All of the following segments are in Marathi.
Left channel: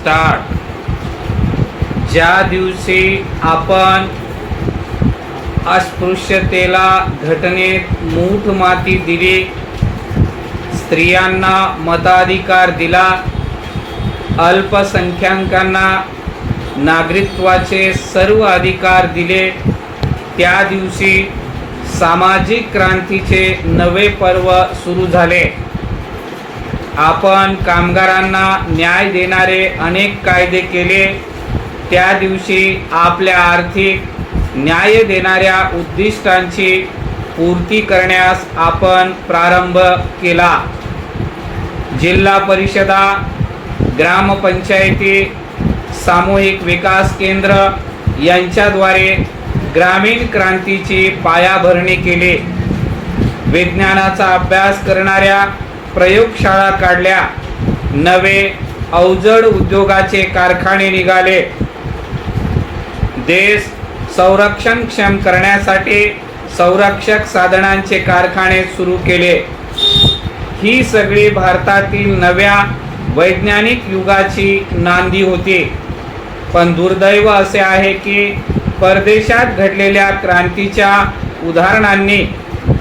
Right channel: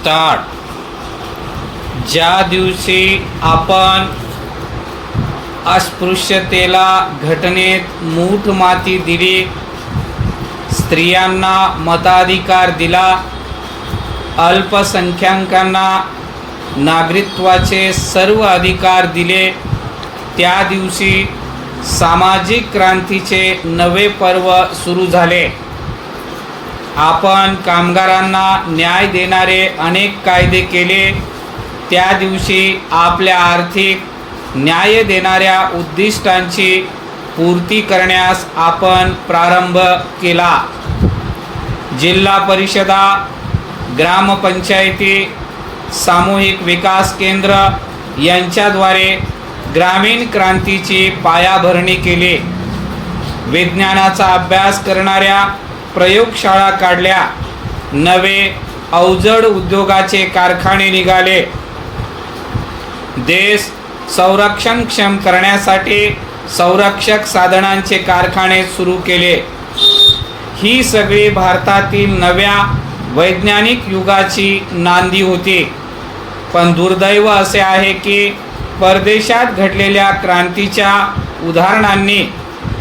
स्टार्ट. ज्या दिवशी आपण अस्पृश्यतेला घटनेत मूठ माती दिली, स्त्रियांना मताधिकार दिला, अल्पसंख्याकांना नागरिकत्वाचे सर्व अधिकार दिले, त्या दिवशी सामाजिक क्रांतीचे नवे पर्व सुरू झाले. आपण कामगारांना न्याय देणारे अनेक कायदे केले. त्या दिवशी आपल्या आर्थिक न्याय देणाऱ्या उद्दिष्टांची पूर्ती करण्यास आपण प्रारंभ केला. जिल्हा परिषदा, ग्रामपंचायती, सामूहिक विकास केंद्र यांच्याद्वारे ग्रामीण क्रांतीची पायाभरणी केली. विज्ञानाचा अभ्यास करणाऱ्या प्रयोगशाळा काढल्या. नवे अवजड उद्योगाचे कारखाने निघाले. देश संरक्षणक्षम करण्यासाठी संरक्षक साधनांचे कारखाने सुरू केले. ही सगळी भारतातील नव्या वैज्ञानिक युगाची नांदी होती. पण दुर्दैव असे आहे की परदेशात घडलेल्या क्रांतीच्या उदाहरणांनी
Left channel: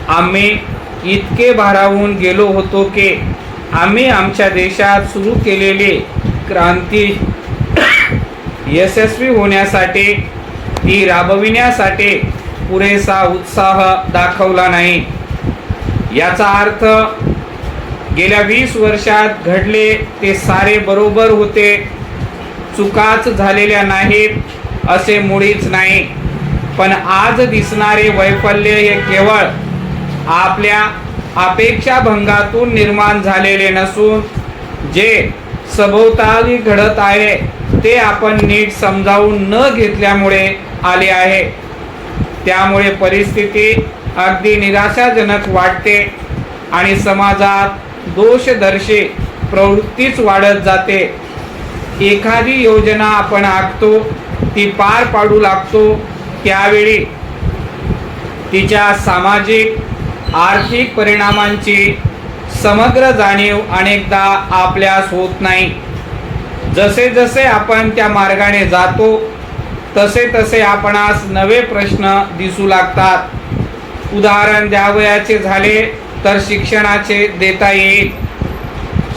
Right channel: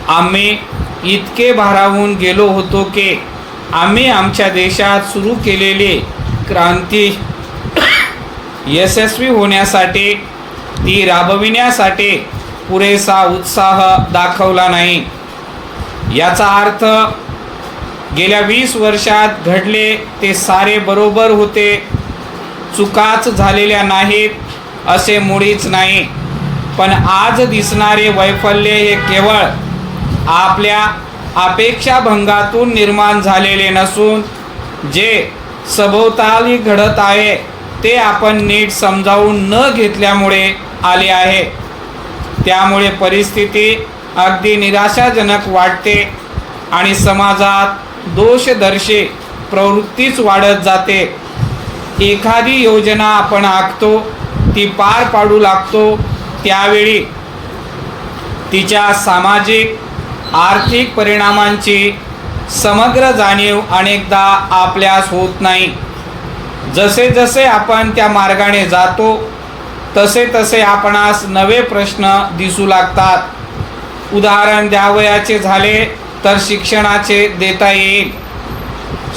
आम्ही इतके भारावून गेलो होतो की आम्ही आमच्या देशात सुरू केलेली क्रांती यशस्वी होण्यासाठी, ती राबविण्यासाठी पुरेसा उत्साह दाखवला नाही. याचा अर्थ गेल्या 20 वर्षात घडले ते सारे बरोबर होते, चुकाच झालेल्या नाहीत असे मुळीच नाही. पण आज दिसणारे वैफल्य हे केवळ आपल्या अपेक्षाभंगातून निर्माण झालेले नसून जे सभोवताली घडत आहे ते आपण नीट समजावून न घेतल्यामुळे आले आहे. त्यामुळे परिस्थिती अगदी निराशाजनक वाटते आणि समाजात दोषदर्शी प्रवृत्तीच वाढत जाते. एखादी योजना आपण आखतो, ती पार पाडू लागतो, त्यावेळी तिच्या सामाजिक आर्थिक परिणामांची समग्र जाणीव अनेकदा आपल्यास होत नाही. जसे जसे आपण त्या मार्गाने जातो तसे तसे आपणास नवे प्रश्न दिसू लागतात. उदाहरण द्यावयाचे झाले तर शिक्षणाचे देता येईल.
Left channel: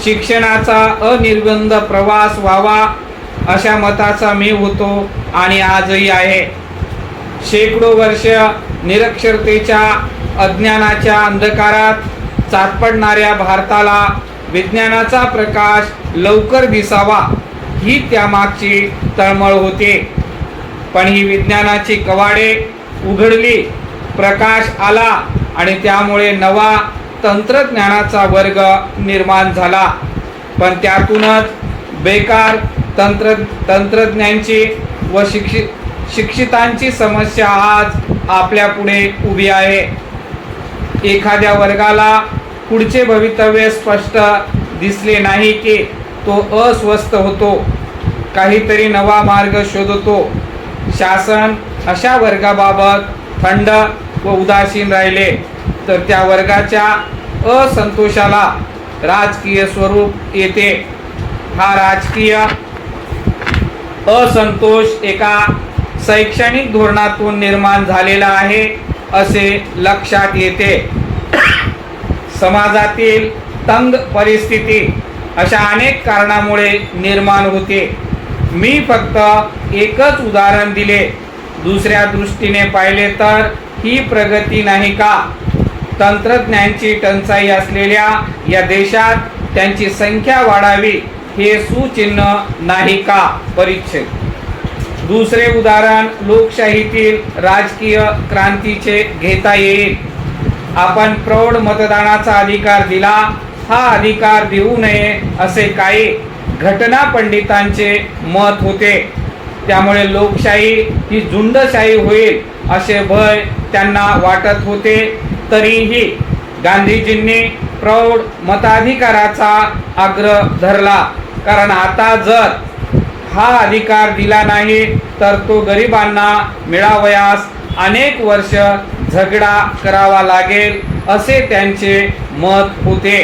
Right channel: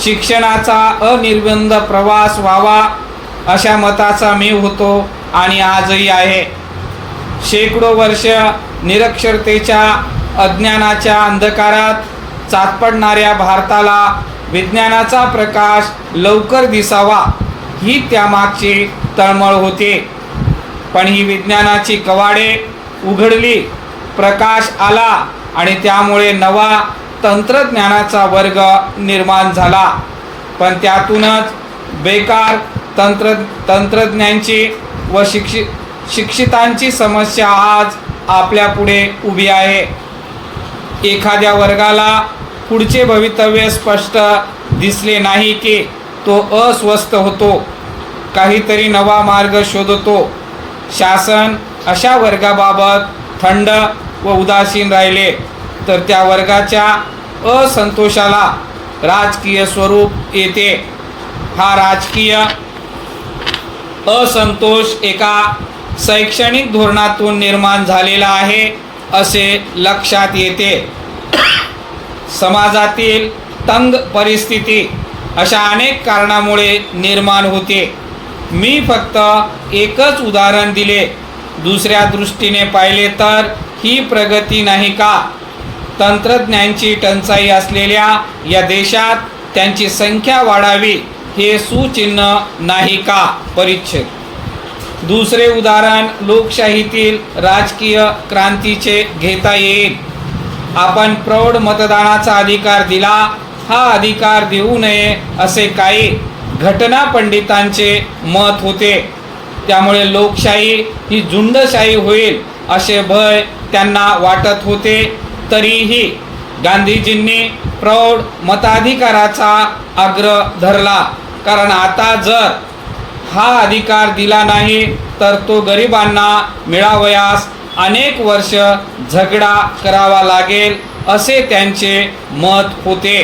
शिक्षणाचा अनिर्बंध प्रवास व्हावा अशा मताचा मी होतो आणि आजही आहे. शेकडो वर्ष निरक्षरतेच्या अज्ञानाच्या अंधकारात चाचपडणाऱ्या भारताला विज्ञानाचा प्रकाश लवकर दिसावा ही त्यामागची तळमळ होती. पण ही विज्ञानाची कवाडे उघडली, प्रकाश आला आणि त्यामुळे नवा तंत्रज्ञानाचा वर्ग निर्माण झाला. पण त्यातूनच बेकार तंत्रज्ञांची व शिक्षितांची समस्या आज आपल्या पुढे उभी आहे. एखाद्या वर्गाला पुढचे भवितव्य स्पष्ट दिसले नाही की तो अस्वस्थ होतो, काहीतरी नवा मार्ग शोधतो. शासन अशा वर्गाबाबत थंड व उदासीन राहिले तर त्या वर्गाच्या असंतोषाला राजकीय स्वरूप येते. हा राजकीय असंतोष एका शैक्षणिक धोरणातून निर्माण झालेला आहे असे लक्षात येते. समाजातील तंग परिस्थिती अशा अनेक कारणामुळे निर्माण होते. मी फक्त एकच उदाहरण दिले. दुसऱ्या दृष्टीने पाहिले तर ही प्रगती नाही का? तंत्रज्ञानाची टंचाई असलेल्या या देशात त्यांची संख्या वाढावी हे सुचिन्ह नाही का? परिच्छेद. दुसरे उदाहरण लोकशाहीतील राजकीय क्रांतीचे घेता येईल. आपण प्रौढ मतदानाचा अधिकार दिला, हा अधिकार देऊ नये असे काही घटना पंडितांचे मत होते. त्यामुळे लोकशाही ही झुंडशाही होईल असे भय त्यांना वाटत होते. तरीही गांधीजींनी प्रौढ मताधिकाराचा आग्रह धरला, कारण आता जर हा अधिकार दिला नाही तर तो गरिबांना मिळावयास अनेक वर्ष झगडा करावा लागेल असे त्यांचे मत होते.